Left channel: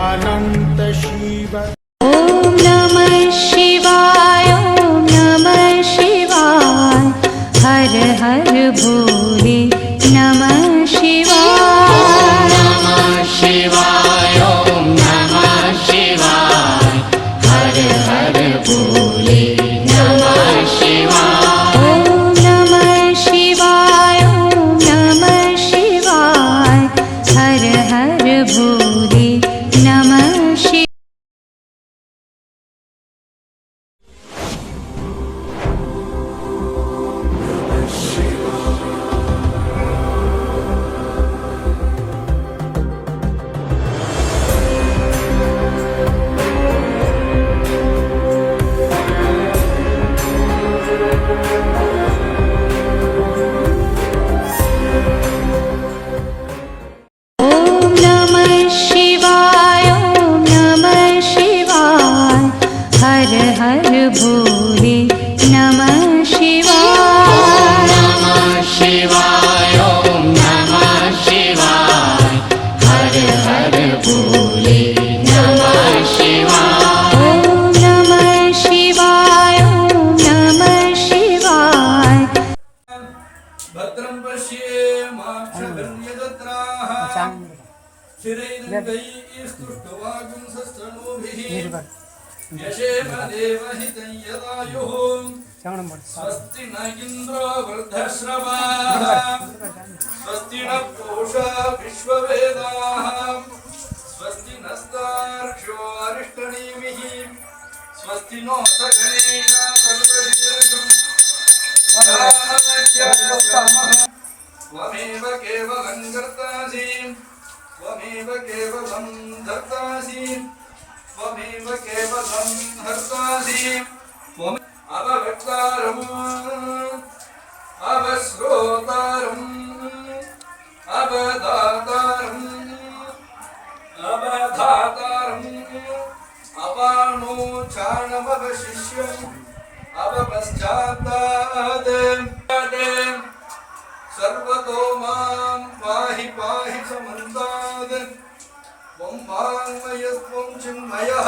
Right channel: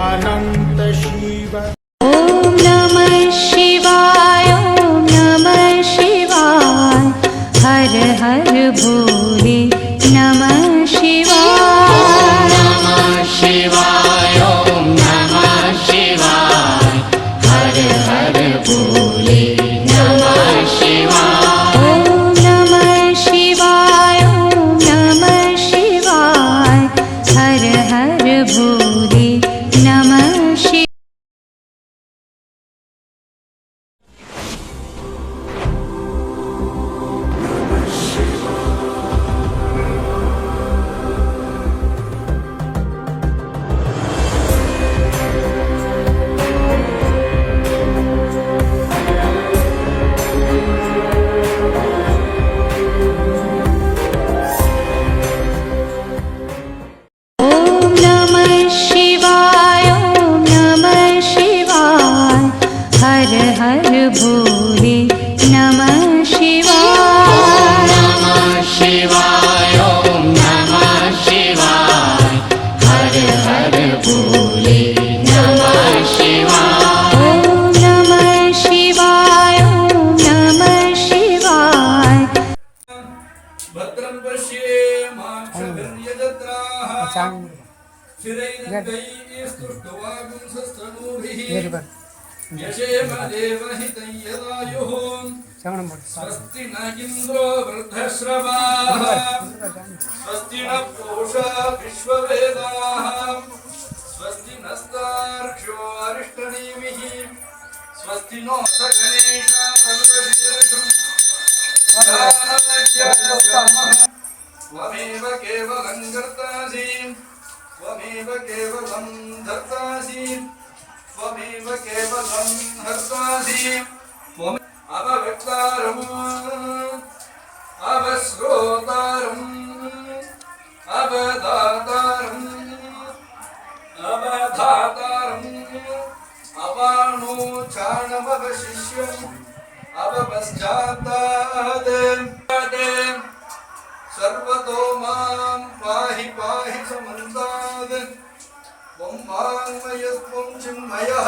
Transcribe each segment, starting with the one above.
अनन्त शिव स्वस्ति न इन्द्रो स्वस्ति न पूषा विश्ववेदाः। स्वस्ति नस्तार्क्ष्यो अरिष्टनेमिः स्वस्ति नो गणेश सर्वशीर्षम् त्वमेव त्वमेव केवलं धर्तासि त्वमेव केवलं अवगतारम् अवश्रोतारम् अवदातारम् अवधातारम्। अवपश्चात्तात्। सर्वतो माँ पाहि पाहि समन्तात् त्वं वाङ्मयस्त्वं चिन्मयः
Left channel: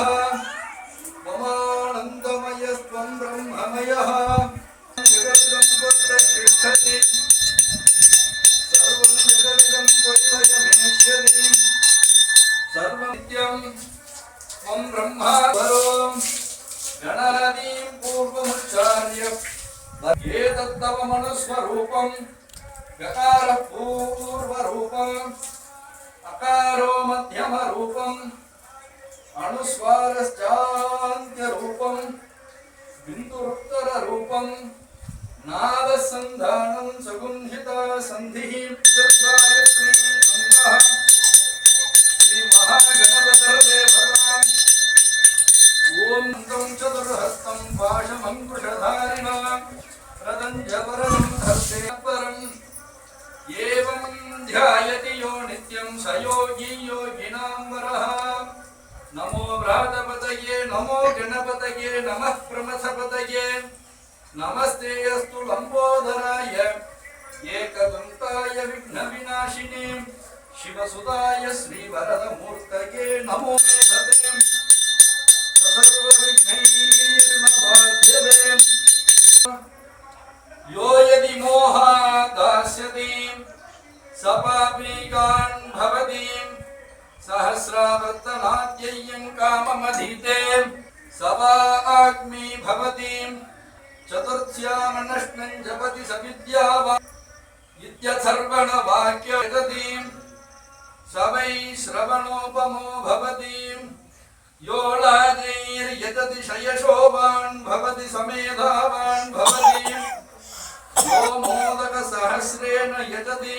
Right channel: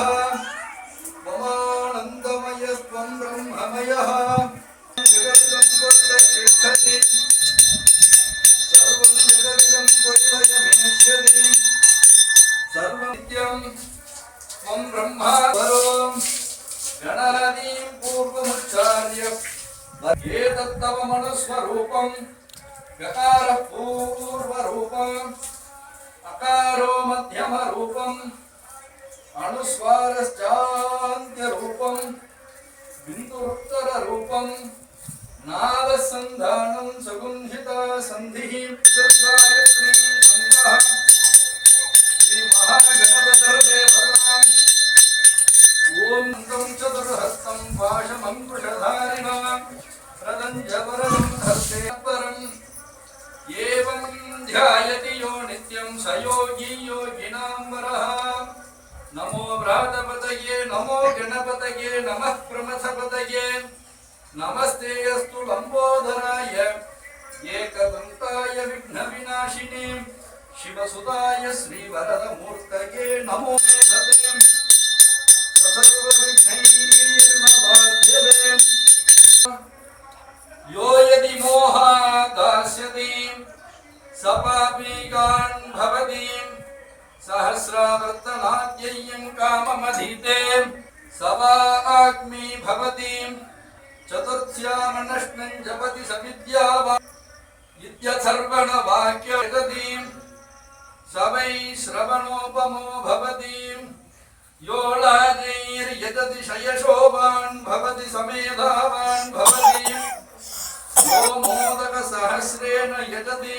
त्वमानन्दमयस्त्वं ब्रह्ममयः जगदिदं त्वत्तिष्ठति सर्वं जगदिदं त्वत्तयमेष्यति सर्वनित्यं त्वं ब्रह्मा परो गणादीं पूर्वमुच्चार्य एतत्तव मनुस्वरूपं गकारः पूर्वरूपम् अकारो मध्यमरूपम् अणुस्वारश्चान्त्यरूपम् बिन्दुरुत्तररूपम् नादसन्धानं सगुंहिता सन्धिः चतुर्थाय श्रीगङ्गः श्रीमहागणपतिर्देवता ॐ तं चतुर्हस्तं पाशमङ्कुशधारिणा प्रदञ्जवरं हस्ते परम् एवं ध्यायति यो नित्यं स योगी योगिनां नमो व्रातपतये नमो गणपतये नमः प्रमथपतये। नमस्ते अस्तु लम्बोदराय एकदन्ताय विघ्नविनाशिने। शिवसुताय श्रीवरदमूर्तये नमो मेधते। यो यदि मोहात् दास्यति सपापीकान् भवति। सहस्रावर्तनाद्यय्यं काममधीते। सवाग्मी भवति। चतुर्थ्यामनस्मिन् जपति स विद्यावा इत्यथर्वणवाक्यजति स वै श्रवणोपमो भवति। यो शयशोभान् भवति, समेधावान् भवति। यो मोदकसहस्रेण यजति।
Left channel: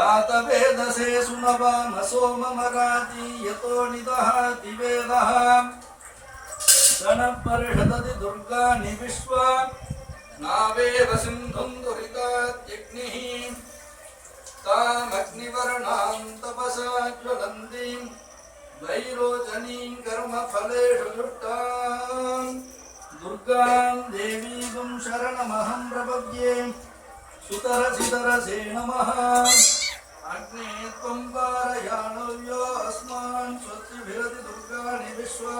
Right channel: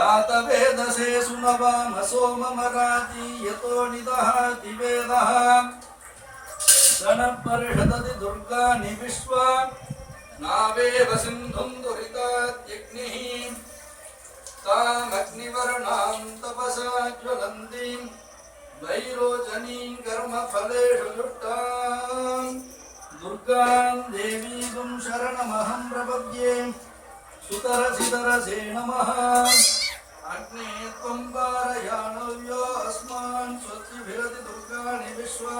जातवेदसे सुनवामसो मम राति यतो निदहाति वेदः गणपरिषदति दुर्गानि विश्वा नावेव सिन्धुं दुरितात्यग्निः तामग्निवर्णां तपसा ज्वलन्तीं वैरोचनीं कर्मफलेषु लुष्टां दुर्गां देवीं शरणमहं प्रपद्ये सुतरसितरसे नमः अग्ने त्वं पारयाणव्यो अस्मान् स्वस्तिभिरति दुर्गाणि विश्वा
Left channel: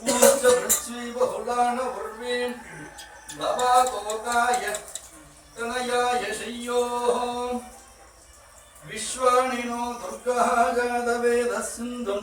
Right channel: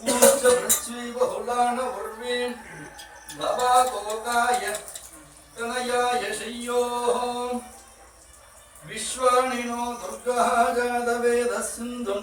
पूज्य पृथ्वी बहुलान उर्वीं भवाकोकाय तनयाय शय्योः विश्वाणिनो दुर्गः जातवेदः सिन्धुं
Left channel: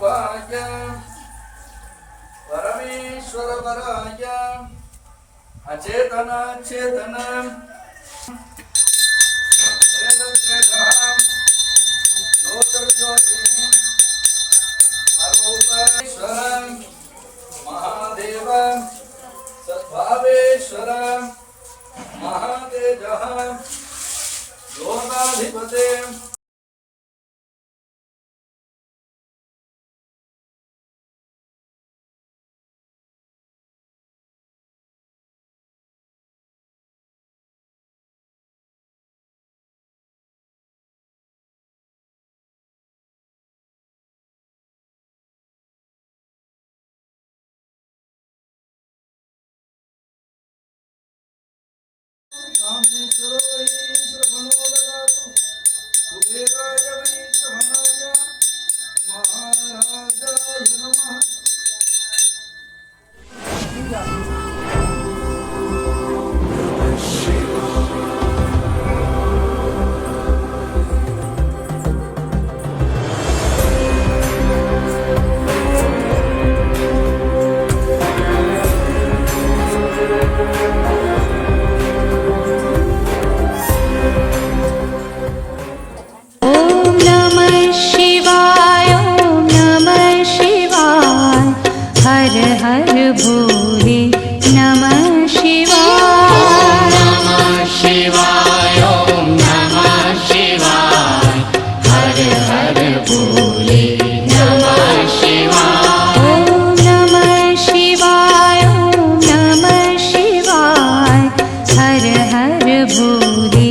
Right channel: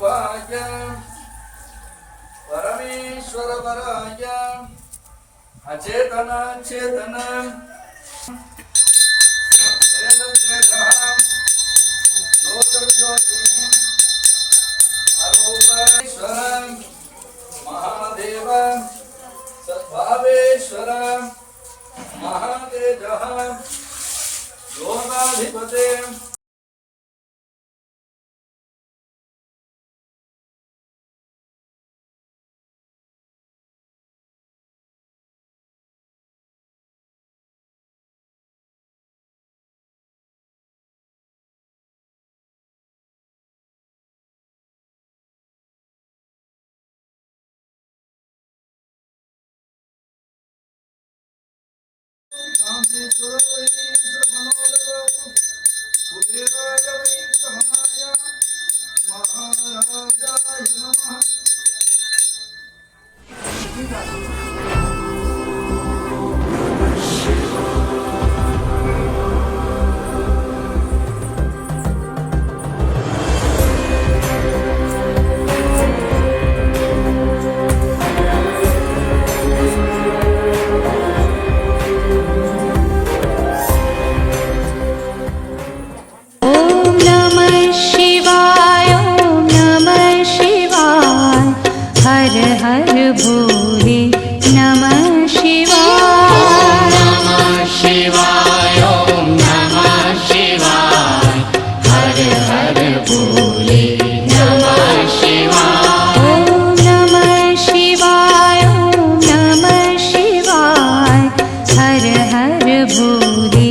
ज्योतिरूपाय परमेश्वरवराय। अचेतन चेतन। महादेव सद्भावेश्वर। महातेज। योगाधिपते Shit. दूरे